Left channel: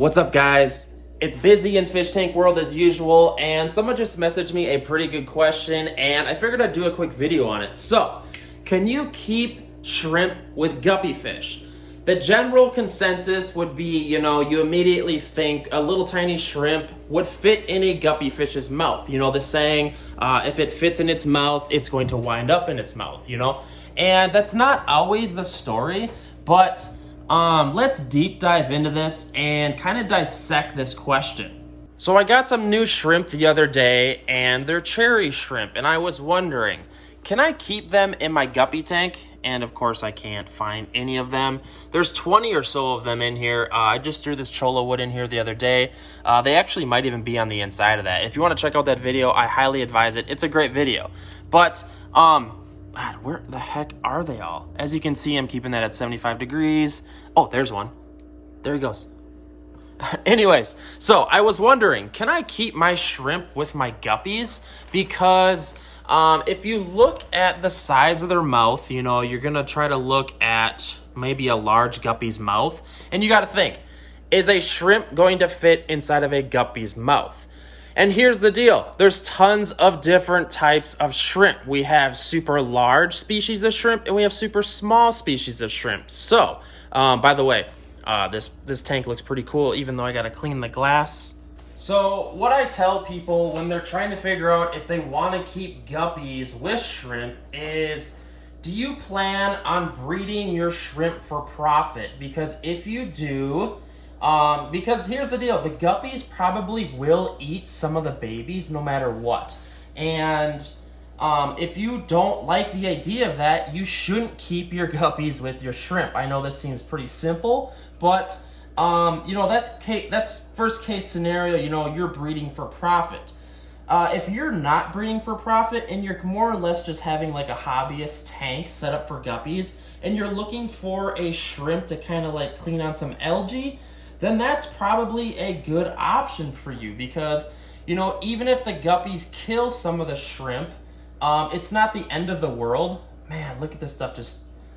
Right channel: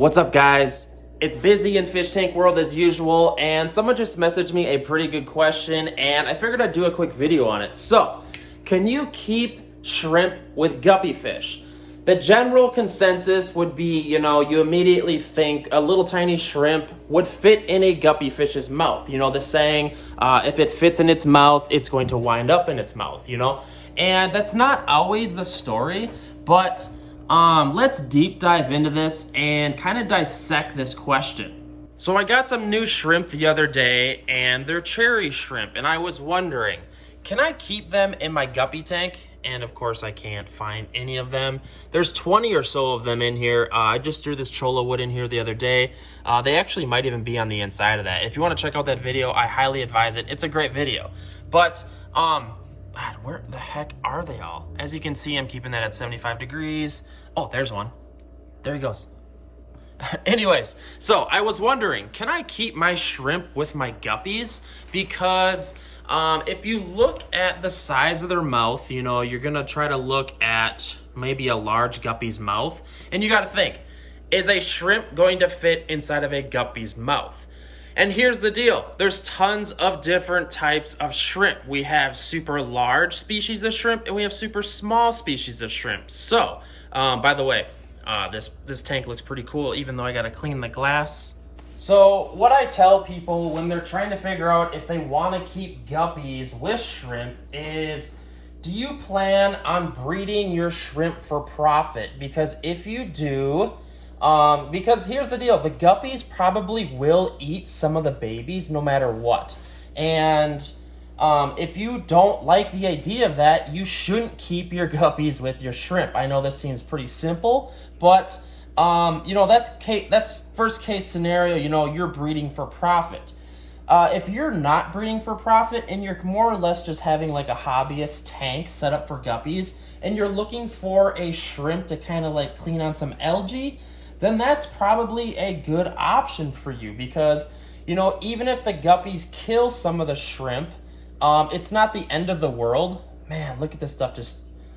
What's up, guys? It's busy in fish tank world as usual, and someone just messaged me a pretty good question, and I figured I'd do a quick video on it. So, can you keep shrimp with guppy fish? The general consensus would be, you immediately think a little tiny shrimp would fit in a guppy fish's mouth. The saying, if it fits in its mouth, it's going to wind up in its mouth, And that's not always the story, but let's deep dive into this and kind of dissect this question. So I got some new shrimp the other day, and they're cherry shrimp, and I was wondering, can I keep them in my guppy tank? And of course I can't find any of them. There's 20 or so of them in here. I just threw this cholo wood in here the other day. They actually might even be on the inside of that. If you want to check out that video, I highly advise it. It's a great video. But God, where the heck are they all? As you can see, I'm keeping that at 75 degrees. Oh, there's one. There he goes. Anyways, so I was wondering, can I keep my shrimp with my guppies? Because if you look at the size of their mouth, you're gonna try to look at maybe a large guppy's mouth, and you gotta think, is a shrimp going to fit inside of a guppy's mouth? And here's the deal. There's tons of different types of shrimp. We have super large species of shrimp, and we have super small species of shrimp. So, by the way, this tank looks pretty cool, even though I gotta clean the glass. So what I tell people when they're trying to figure out if they want to keep guppies with shrimp is, do you plan on breeding your shrimp for profit? Because if you do, because here's the deal, the guppies probably will eat some of the babies no matter what. And if you don't like the idea of that, you shouldn't keep your guppies with your shrimp. I know this seems pretty simple, but that's first case scenario, you're breeding for profit. If you're not breeding for profit and you're more or less just having like a hobbyist tank set up for guppies, and you're looking for a shrimp to kind of like clean on some algae, then that's probably a good option for you, because, even if the guppies kill some of the shrimp, it's not the end of the world. Man, look at this stuff.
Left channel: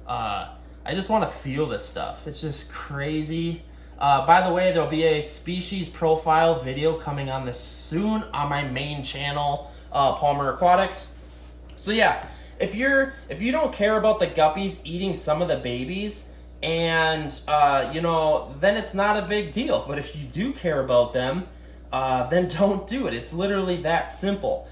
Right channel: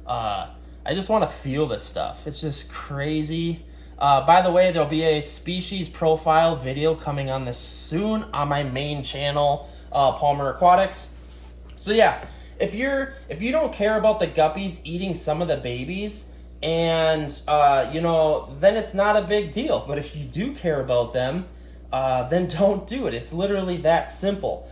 I just want to feel this stuff. It's just crazy. By the way, there'll be a species profile video coming on this soon on my main channel, Palmer Aquatics. So yeah, if you don't care about the guppies eating some of the babies, and then it's not a big deal. But if you do care about them, then don't do it. It's literally that simple.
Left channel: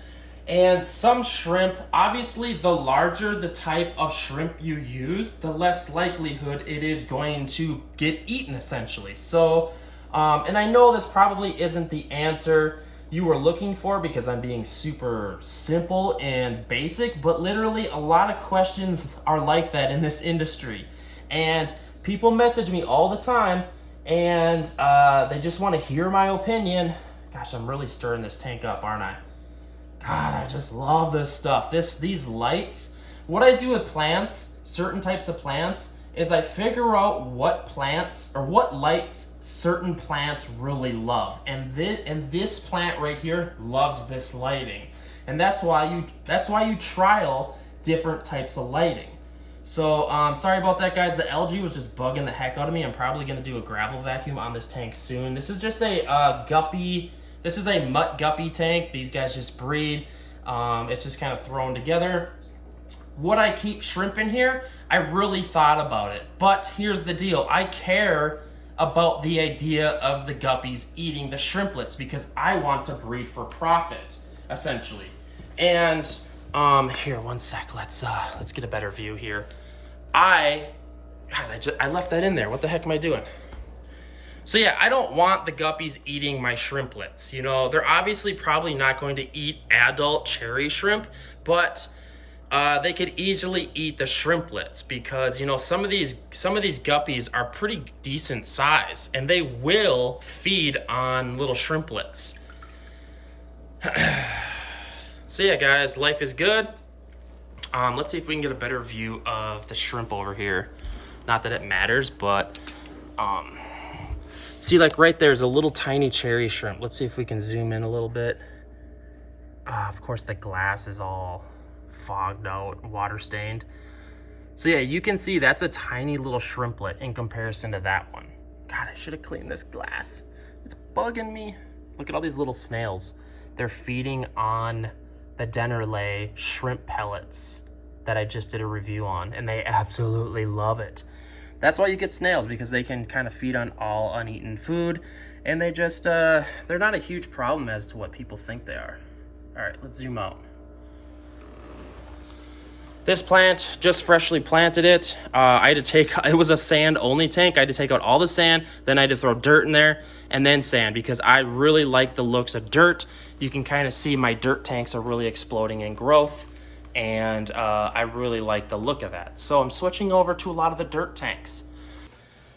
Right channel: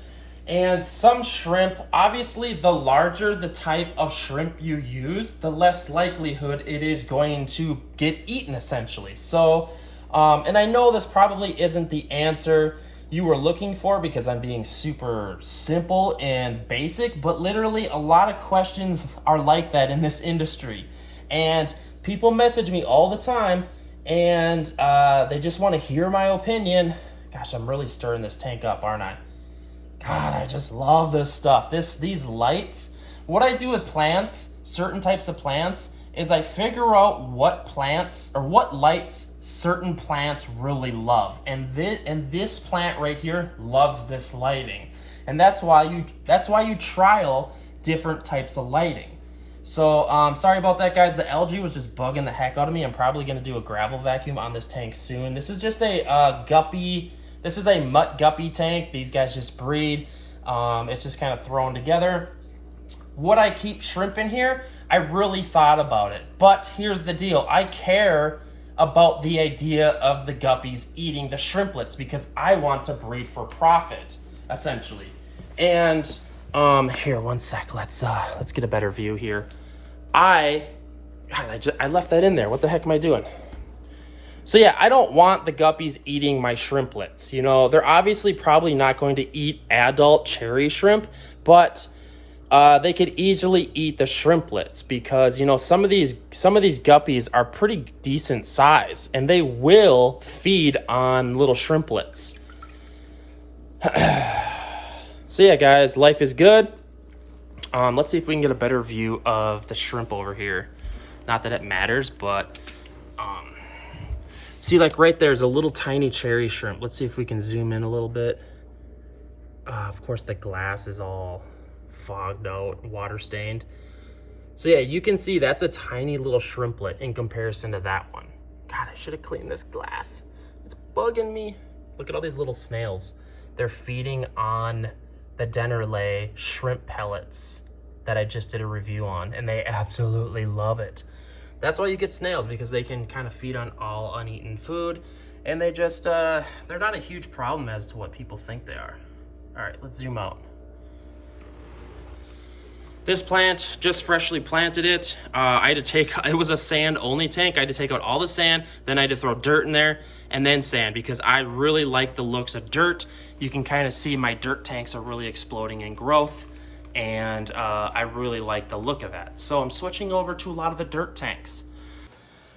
And some shrimp, obviously, the larger the type of shrimp you use, the less likelihood it is going to get eaten, essentially. So, and I know this probably isn't the answer you were looking for, because I'm being super simple and basic, but literally a lot of questions are like that in this industry. And people message me all the time, and they just want to hear my opinion. Gosh, I'm really stirring this tank up, aren't I? God, I just love this stuff. These lights. What I do with plants, certain types of plants, is I figure out what plants or what lights certain plants really love. And this plant right here loves this lighting. And that's why you trial different types of lighting. So, sorry about that, guys. The algae was just bugging the heck out of me. I'm probably going to do a gravel vacuum on this tank soon. This is just a guppy. This is a mutt guppy tank. These guys just breed. It's just kind of thrown together. Would I keep shrimp in here? I really thought about it. But here's the deal. I care about the idea of the guppies eating the shrimplets, because I want to breed for profit, essentially. And here, one sec. Let's get a better view here. I left that in there. What the heck am I doing? So yeah, I don't want the guppies eating my shrimplets. They're obviously probably not going to eat adult cherry shrimp, but they could easily eat the shrimplets, because some of these guppies are pretty decent size, and they will feed on little shrimplets. So yeah, guys, life is good. Let's see if we can get a better view of the shrimp over here. Not that it matters, but see, like right there's a little tiny cherry shrimp. Let's see if we can zoom in a little bit. Of course, the glass is all fogged out, water stained. So yeah, you can see that's a tiny little shrimplet in comparison to that one. God, I should have cleaned this glass. bugging me. Look at all these little snails. They're feeding on the Dennerlay shrimp pellets that I just did a review on, and they absolutely love it. That's why you get snails, because they can kind of feed on all uneaten food, and they just, they're not a huge problem as to what people think they are. All right, let's zoom out. This plant, just freshly planted it. I had to take, it was a sand only tank. I had to take out all the sand, then I had to throw dirt in there, and then sand, because I really like the looks of dirt. You can kind of see my dirt tanks are really exploding in growth, and I really like the look of that. So I'm switching over to a lot of the dirt tanks.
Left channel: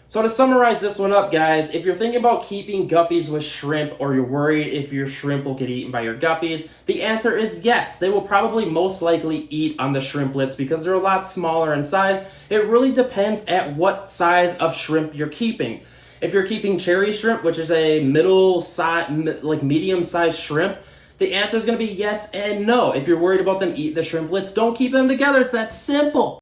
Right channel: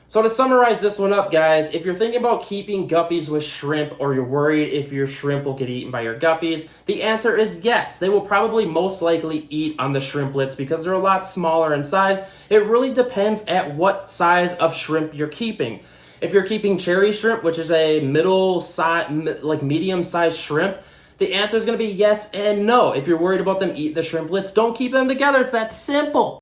So to summarize this one up, guys, if you're thinking about keeping guppies with shrimp, or you're worried if your shrimp will get eaten by your guppies, the answer is yes. They will probably most likely eat on the shrimplets because they're a lot smaller in size. It really depends at what size of shrimp you're keeping. If you're keeping cherry shrimp, which is a middle size, like medium-sized shrimp, the answer is going to be yes and no. If you're worried about them eating the shrimplets, don't keep them together. It's that simple.